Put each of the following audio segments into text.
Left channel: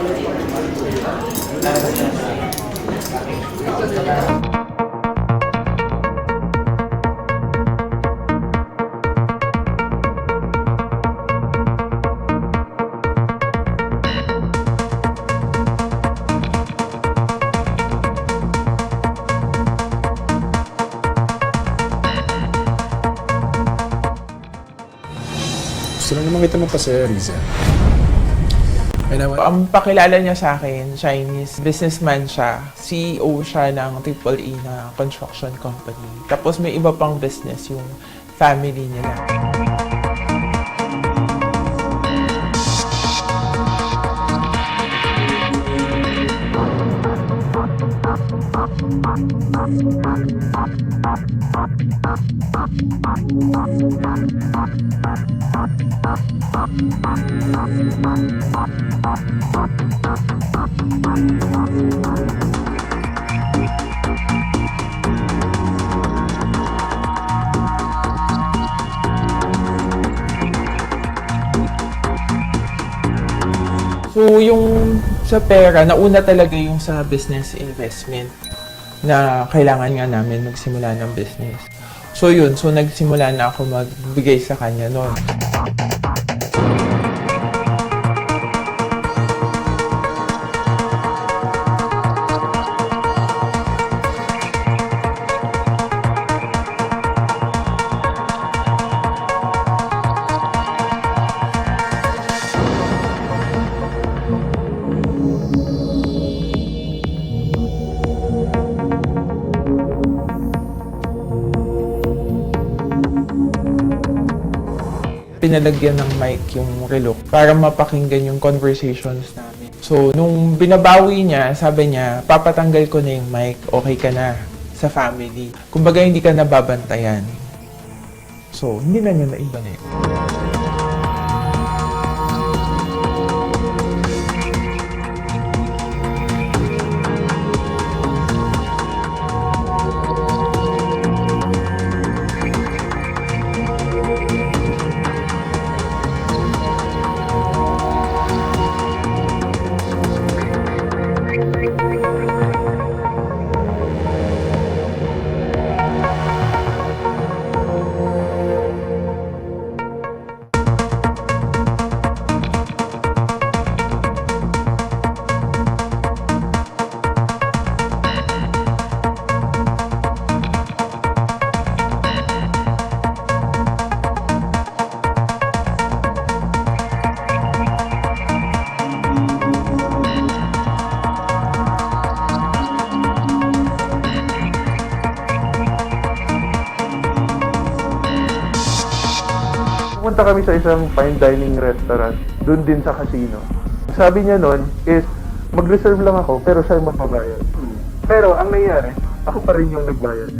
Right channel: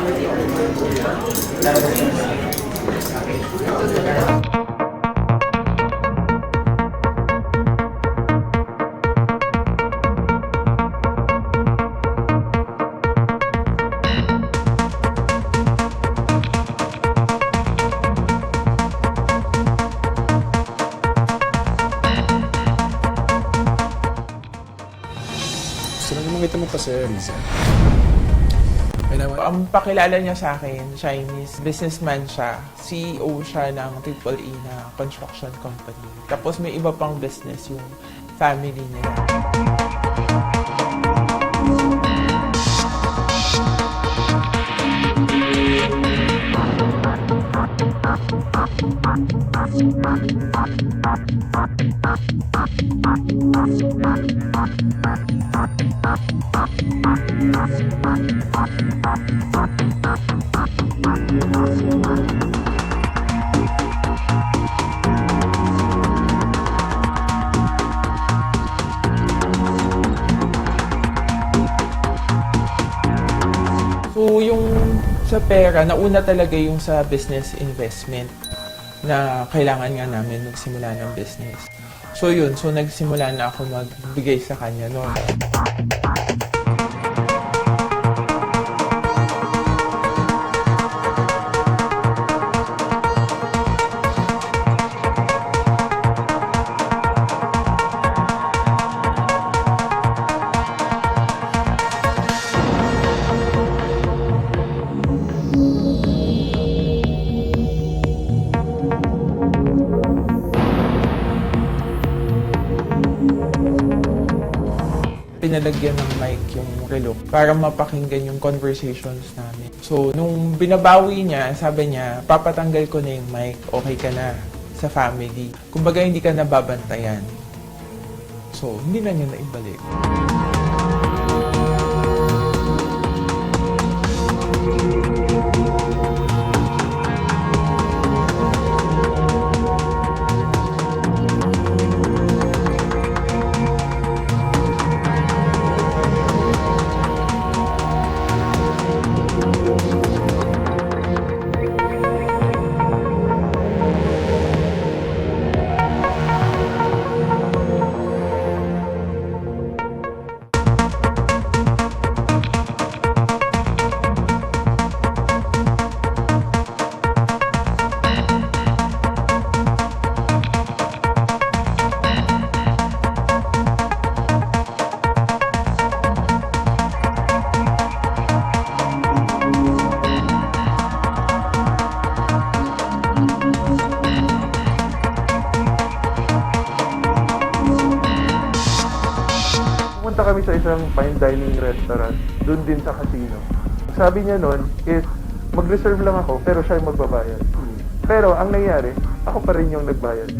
Gusto lang naman kita magpasaya, Riza. Ang pakilala niya sa akin, Chinese businessman siya. CEO siya ng AAA na construction company. Tapos may iba pang business yung family nila. So, yung sa pera, nauna talaga yung sa business investment na kailangan nga namin magsimula ng business. So, yun. So, nagsimula na ako magbigay sa kanya noon. Pinalagyan ng mic yung relo para mapakinggan yung conversations namin. So, nung binabawi niya, sabi niya, papatanggal ko na yung mic, okay ka na sa family. Kumbaga, hindi ka nababantayan. So, hindi na niya naibalik. Pumunta kami sa isang fine dining restaurant, doon din sa casino. Sabi niya noon is, mag-reserve lang ako, pero siya yung magbabayad. Pero ang nangyari, ako pa rin yung nagbayad.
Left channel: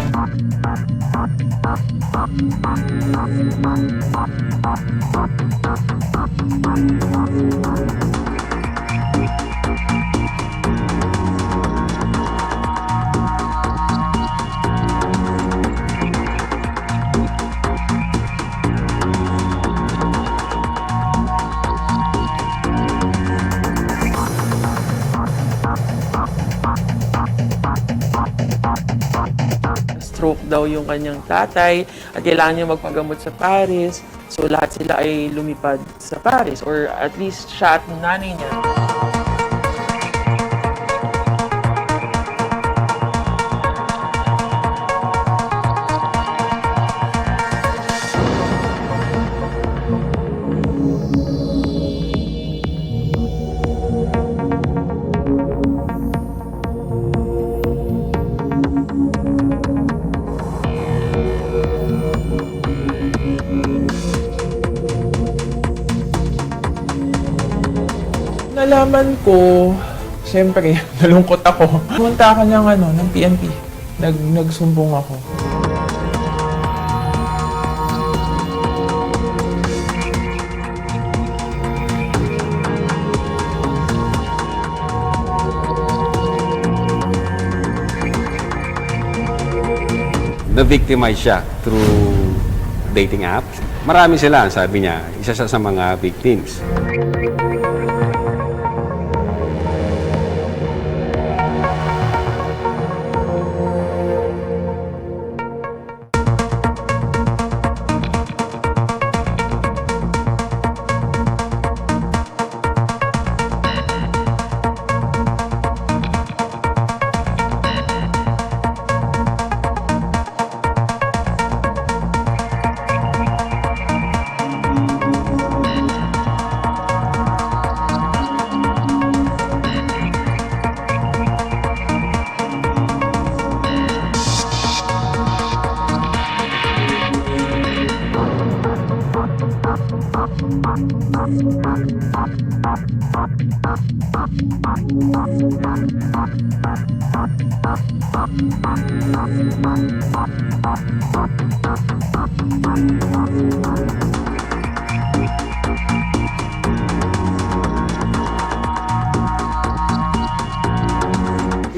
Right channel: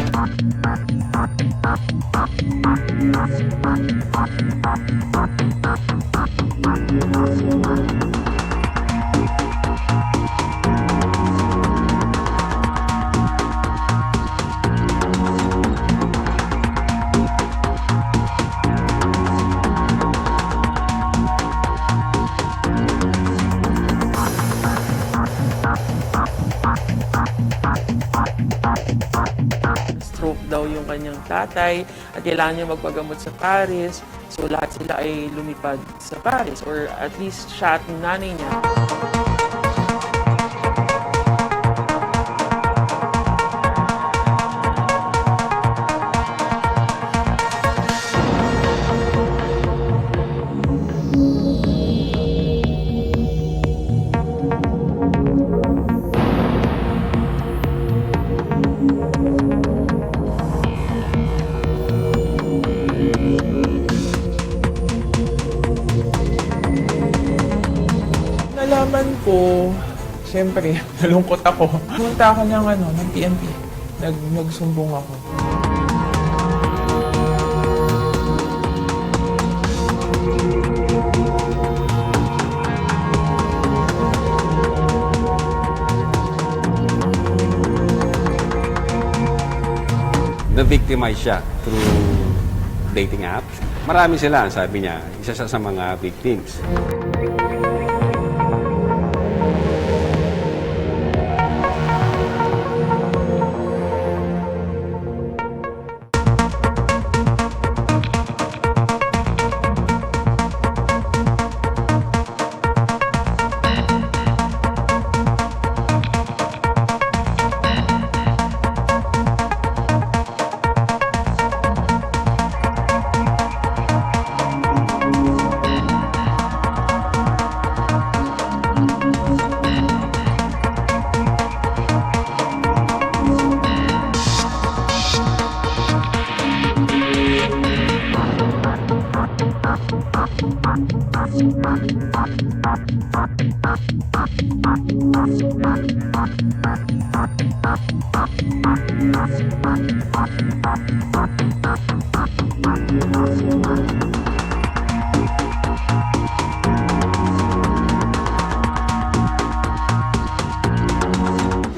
Stroke daw yung kanyang tatay at kailangan niya magpagamot sa Paris. So lahat sila ay lumipad sa Paris, or at least siya at nanay niya. Nalaman ko, siyempre, nalungkot ako. Pumunta ako ng PNP. Nagsumbong ako. Na-victimize siya through dating apps. Marami sila, sabi niya, isa siya sa mga victims.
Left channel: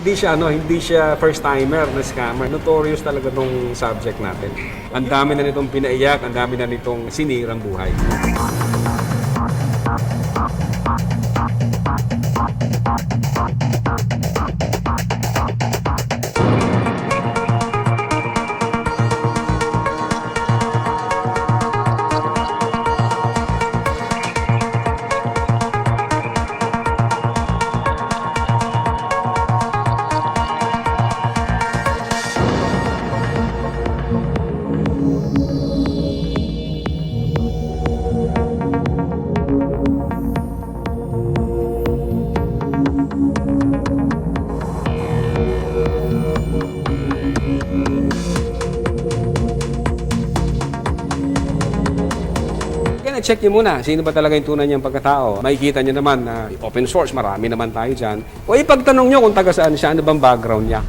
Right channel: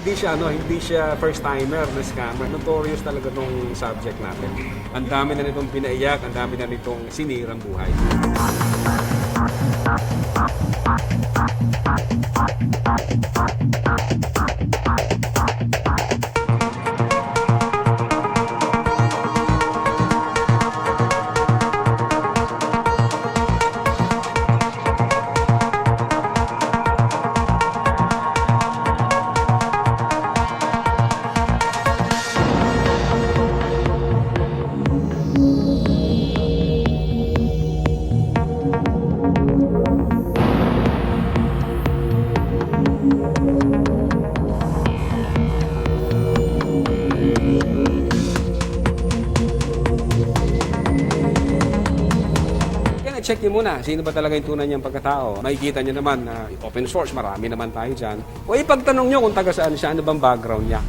hindi siya first timer na scammer. Notorious talaga tong subject natin. Ang dami na nitong pinaiyak, ang dami na nitong sinirang buhay. Kaya check niyo muna, sino ba talaga yung tunay niyang pagkatao. Makikita niyo naman na open source, marami naman tayo dyan. O ipagtanong niyo kung taga saan siya, ano bang background niya.